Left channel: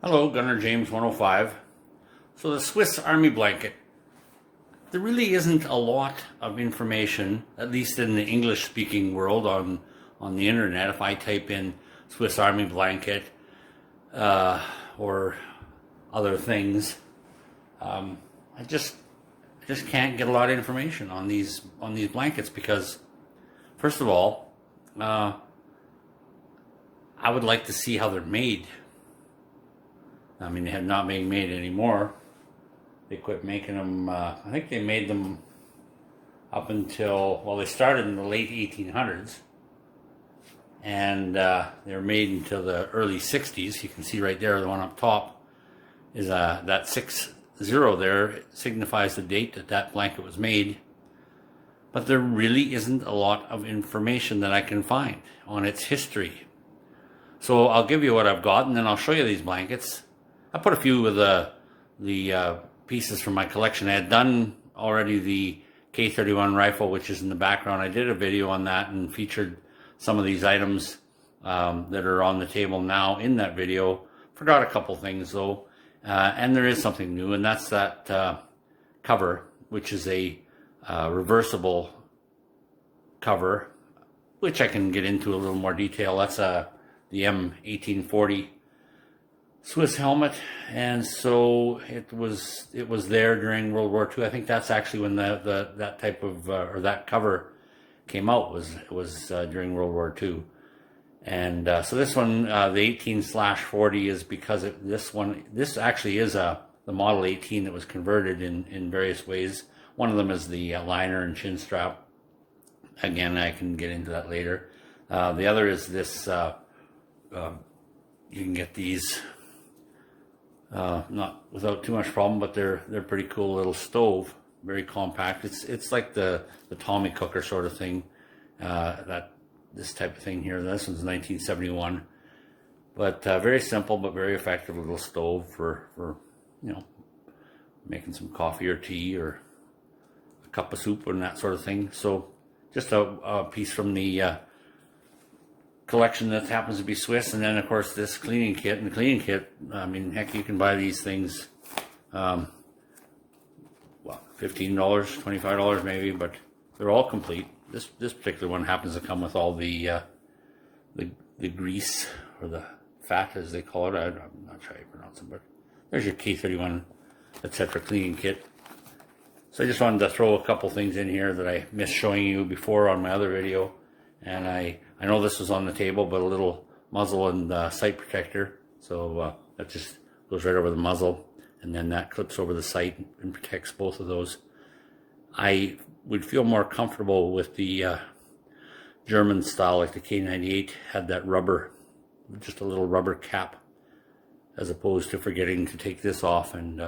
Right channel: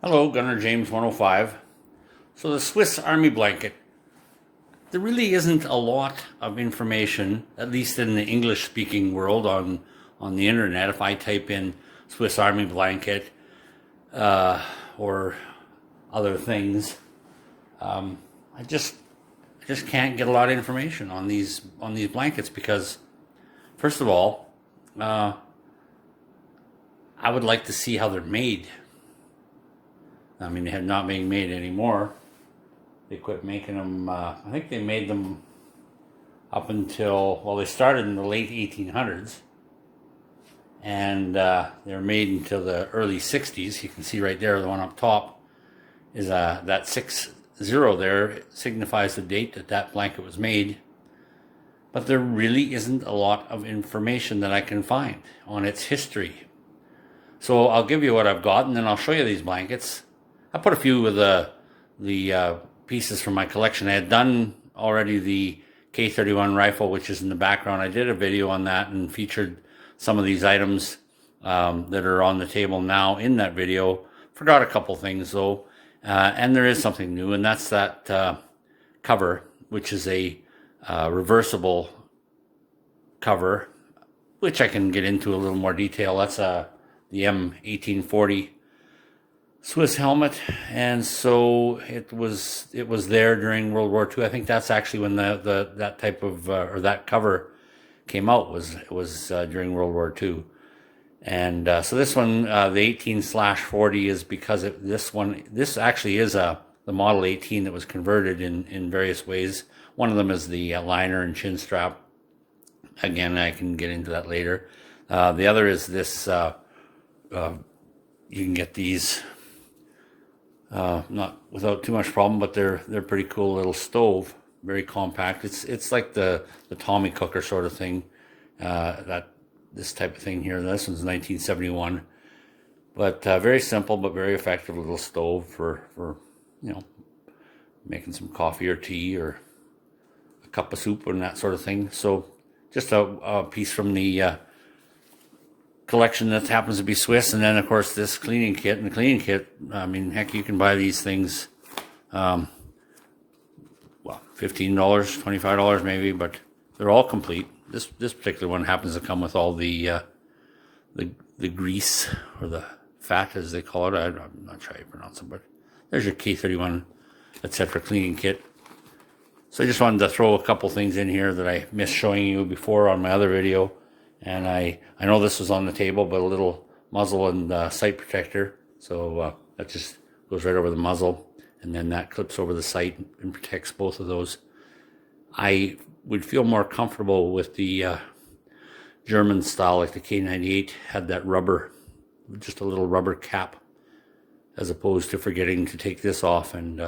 Hello, Gunner James 105. So the Swiss Army blanket, there really isn't a lot of information, at least in the English-speaking world on the internet. If I type in Swiss Army blanket or other things, I just can't get a lot of information on these blankets because, first of all, I would like to see how they're made. I mean, they have not being made anymore. They quit making them. I think they made them up until, well, they started in the late 1800s, and they were made until the early 60s. You can see right there, the one up top is that 60 there signifies the date that that blanket was made. But there really isn't a lot of information that I can find on its history. So I'll give you what I've got, and then I'll show you these blankets. I put a few of the pieces from my collection. I had done already the K31 rifle, which is in the background. I did a video on that and featured some of these items that are on the table now in that video. Forgot a couple things though, and there is something new, and that's that cover, which is a reversible cover, which I can get into a little more detail. That's the M1840 Swiss helmet, and so it was there during World War II. I think that's actually when that type of or that cover came out, was during World War II. And so this one, the 18/40, is because this actually is the Model 18 that was converted in various ways. One of them is the liner and chin strap. Again, I can get into that later. The other is this. You can get these not without too much problem, but they're pretty cool little stove, very compact. It's like the Tommy cooker sort of thing, that this type of thing here. This one's 1971, but very simple but very effective little stove for making some coffee or tea or a cup of soup and that sort of thing. So just a piece from the collection that happens to be Swiss, and then of course this cleaning kit. And the cleaning kit, I mean, heck, you can buy these things, well, $15, $25 maybe, but they're all complete. This particular one happens to come with all the grease, or the fat as they call it. I'm not sure how you pronounce it, but there's your K31 etc. cleaning kit. So I just wanted to throw a couple things in here that I missed showing you before on my other video. And I know this was on the table, but a little muzzle and sight protector. So that just goes right over the muzzle, and then that clips over the sight and protects both of those. I would feel more comfortable with the German style, like the K98 had that rubber, just a little rubber cap, as opposed to forgetting to take this off and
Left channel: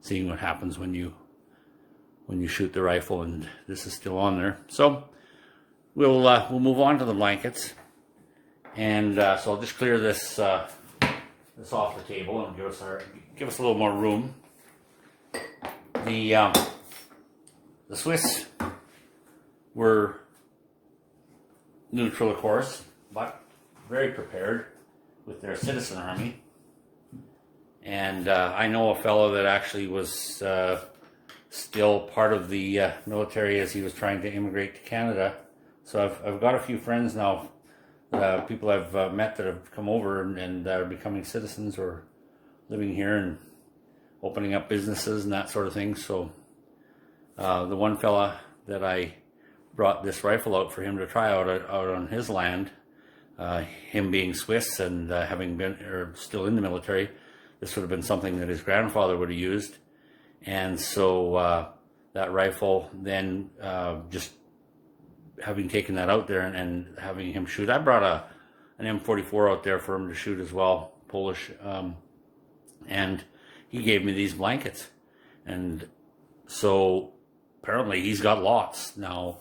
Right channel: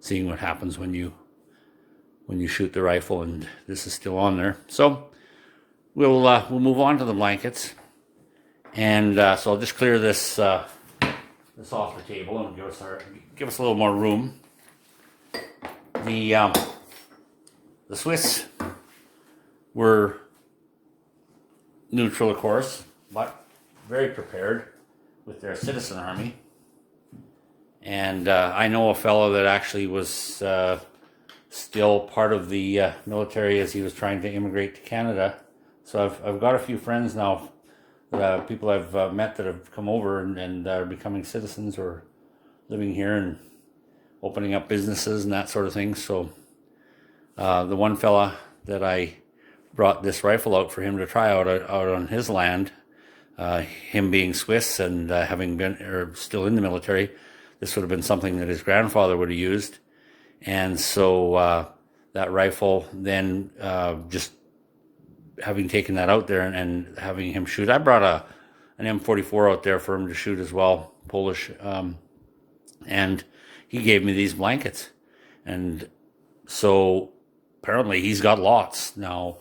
seeing what happens when you shoot the rifle and this is still on there. So we'll move on to the blankets, and so I'll just clear this off the table and give us a little more room. The Swiss were neutral, of course, but very prepared with their citizen army. And I know a fellow that actually was still part of the military as he was trying to immigrate to Canada. So I've got a few friends now, people I've met that have come over and are becoming citizens or living here and opening up businesses and that sort of thing. So the one fella that I brought this rifle out for him to try out on his land, him being Swiss and having been or still in the military, this would have been something that his grandfather would have used. And so that rifle then just having taken that out there and having him shoot, I brought an M44 out there for him to shoot as well, Polish, and he gave me these blankets. And so apparently he's got lots. Now,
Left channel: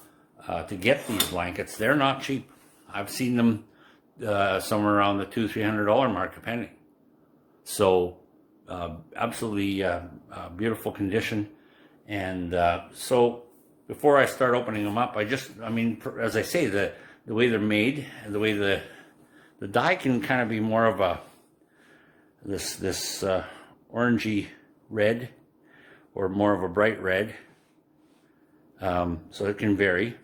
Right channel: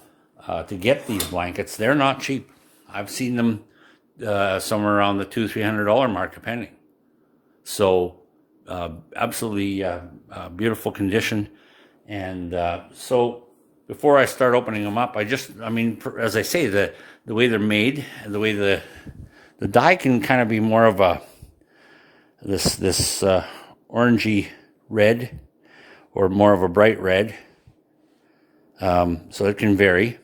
to get these blankets, they're not cheap. I've seen them somewhere around the $200-300 mark, depending. So absolutely beautiful condition. And so before I start opening them up, I mean, as I say, the way they're made and the way the die can kind of be more of a this orangey red, or more of a bright red. So it can vary.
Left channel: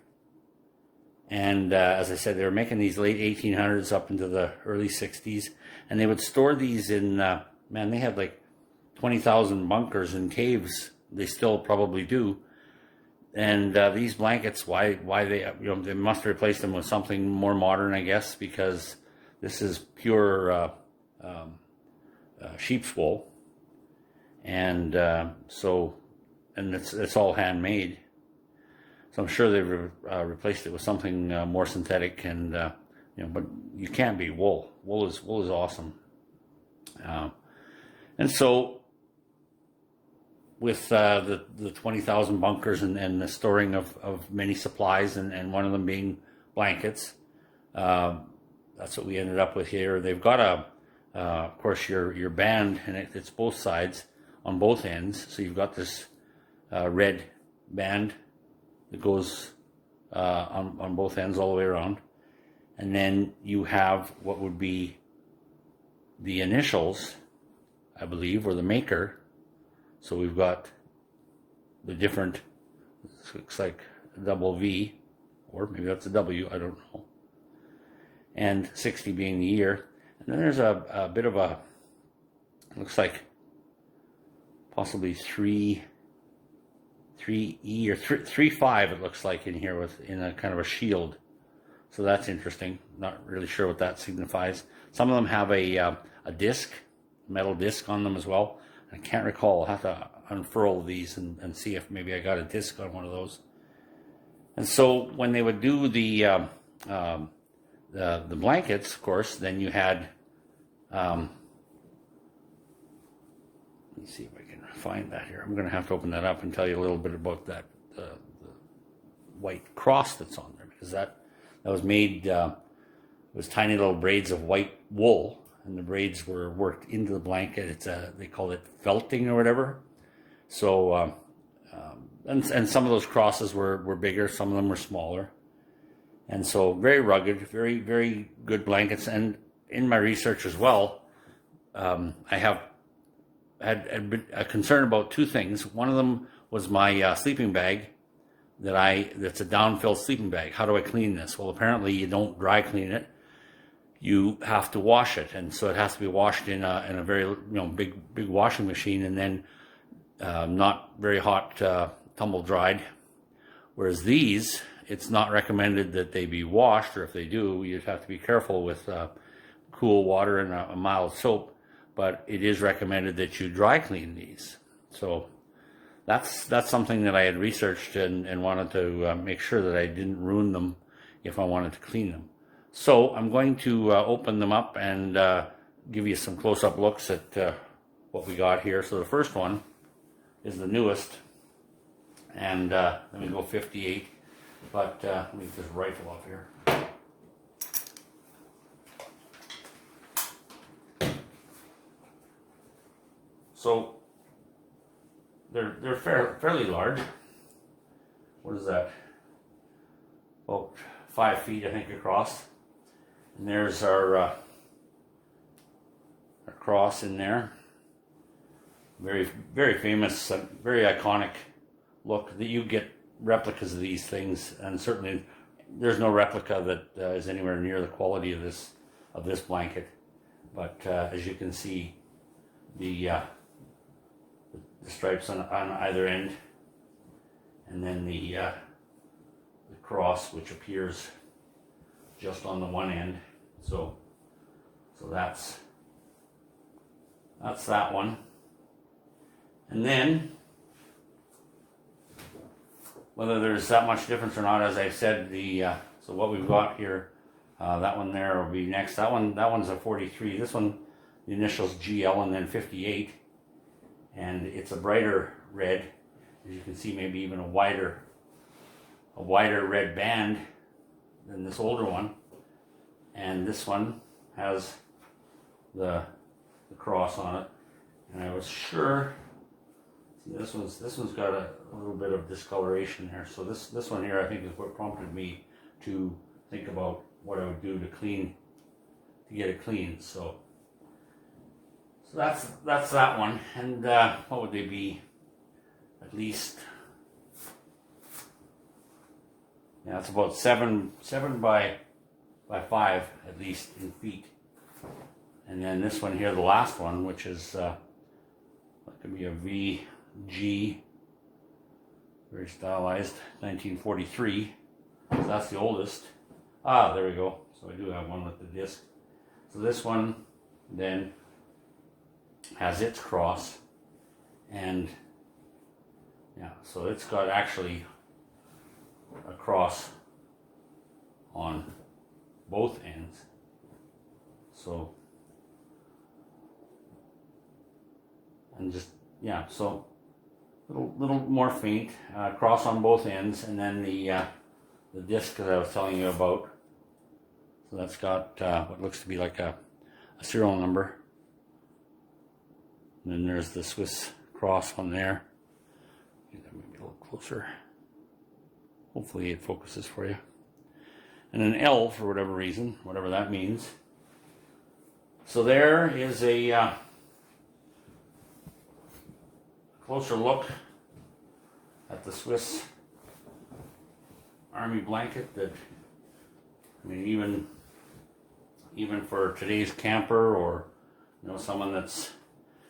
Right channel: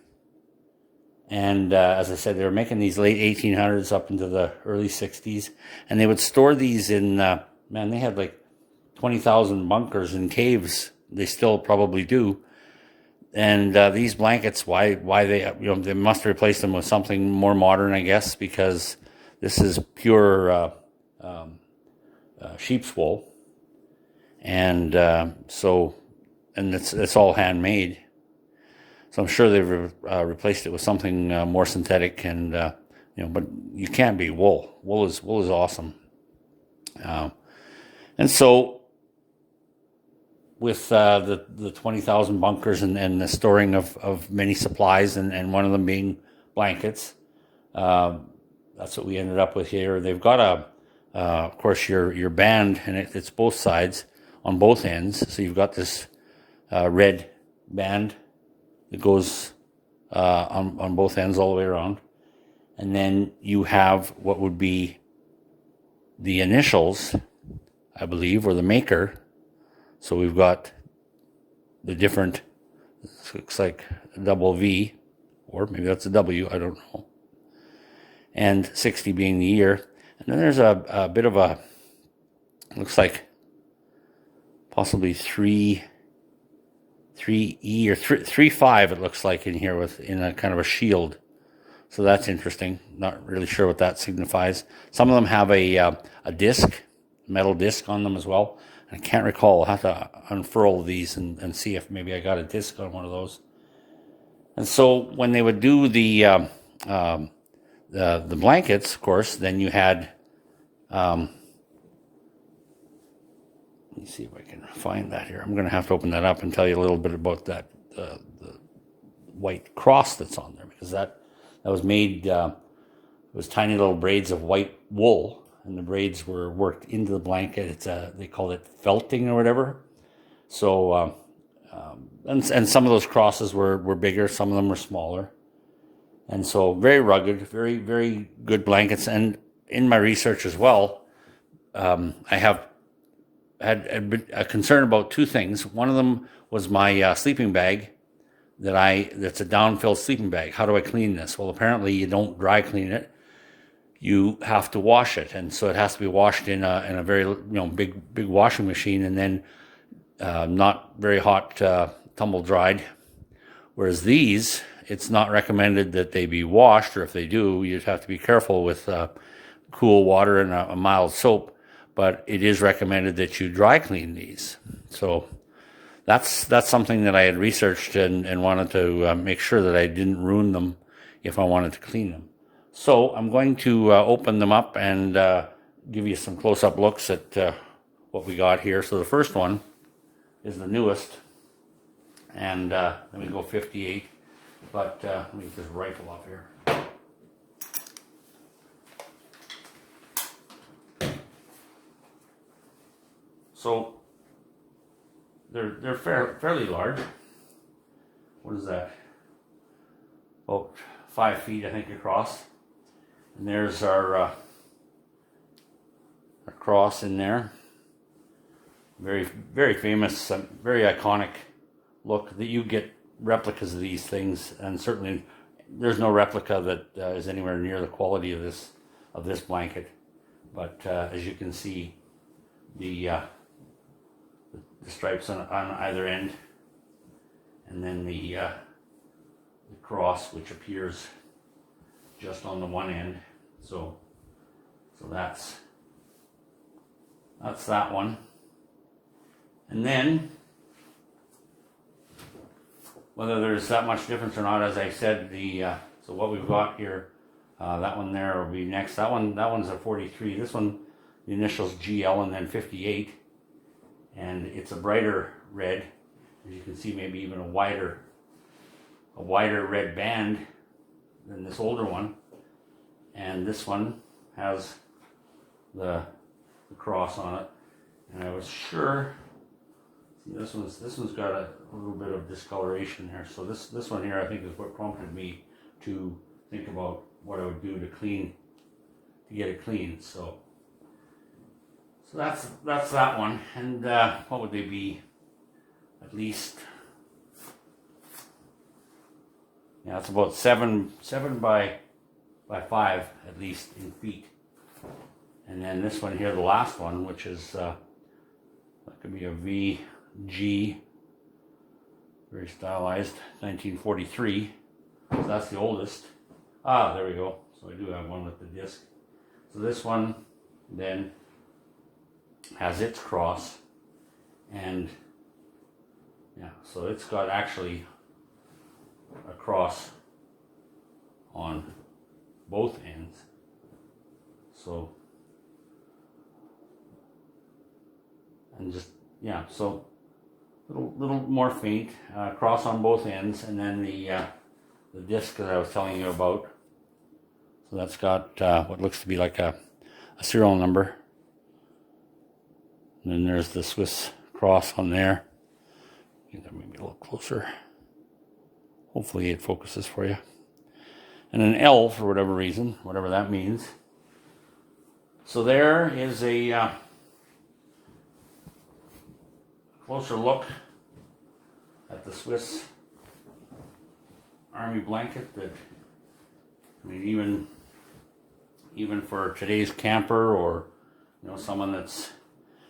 And as I said, they were making these late 1800s up into the early 60s, and they would store these in, man, they had like 20,000 bunkers and caves. They still probably do. And these blankets, why they, they must replace them with something more modern, I guess, because this is pure sheep's wool. And and it's all handmade. So I'm sure they've replaced it with something more synthetic, and but you can't beat wool. Wool is awesome. And so with the 20,000 bunkers and the storing of many supplies, and one of them being blankets, that's what we ended up with here. They've got of course, your band, and it's both sides on both ends. So you've got this red band that goes on both ends all the way around. And then you have what would be the initials, I believe, or the maker. So we've got the different, looks like a double V, or maybe that's a W, I don't know. And 60 being the year. And then there's a bit of a, looks like possibly 3E or 3-5, it looks like in here, in a kind of a shield. So that's interesting. Not really sure what that signifies. Some of them have a disc, metal disc on them as well. I can't recall. I'll have to unfurl these and see if maybe I got a disc on one of those. And so when they would do the blankets, of course, then you had, let me see if I can find that here. I'm going to have to open that up and tell you a little bit about that, the white cross that's on there, because that was made, it was tiny little braids of white wool, and the braids were worked into the blanket. It's they call it felting or whatever. So, and some of those crosses were bigger, some of them were smaller. And so very rugged, very, very good blankets. And in my research as well, I have had a concern about two things. One of them was my sleeping bag that's a downfill sleeping bag. How do I clean this? Well, apparently you don't dry clean it. You have to wash it, and so it has to be washed in a very big washing machine, and then not very hot, tumble dried. Whereas these, it's not recommended that they be washed, or if they do, you'd have to be careful with cool water and a mild soap. But it is recommended that you dry clean these. So that's something that I had researched and wanted to make sure that I didn't ruin them if I wanted to clean them. So I'm going to open them up and give you some close-up looks at what we got here. So the first one is the newest, and let me go 58, but let me get this rifle off here. So they're fairly large. What is that? About 5 feet, I think, across. And there's our cross in there. Very, very famous, very iconic look. That you get replicas of these things, and certainly there's no replica that is anywhere near the quality of this blanket. But as you can see, the stripes on either end, and then the cross, which appears just on the one end. So that's that one. And then, whether there's that much difference or not, as I said, so what we've got here, that one there will be next. That one's a 43. This one, the initials GL and then 58, and it's a brighter red. As you can see, maybe even a wider red band than this older one. And this one has the cross on it. And I was sure, see, this one's got a little bit of discoloration here. So this one here, I think, is what prompted me to think about what I would do to get it clean. So So that's that one. And what would they be? At least, yeah, it's about seven by 5 at least in feet. And then this one here, the last one, which is that could be a VG, very stylized, 1943. So that's the oldest. Ah, there we go. So I do have one with the disc. So this one then has its cross, and yeah, so it's got actually a cross on both ends. So, and just, yeah, so little more faint, cross on both ends, and then the disc that I was telling you about. So that's got what looks to be like a serial number. And then there's the Swiss cross on there. Get that maybe a little closer. Hopefully it focuses for you. And an L for whatever reason, whatever that means. So there is a closer look at the Swiss Army blanket that, I mean, even for today's camper, or someone that's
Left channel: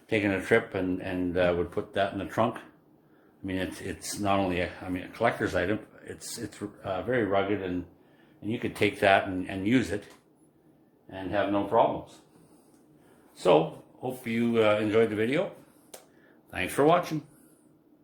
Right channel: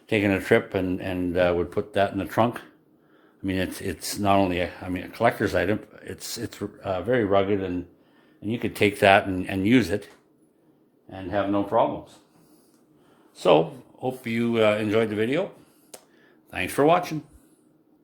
taking a trip and would put that in the trunk. I mean, it's not only a collector's item. It's very rugged, and you could take that and use it and have no problems. So hope you enjoyed the video. Thanks for watching.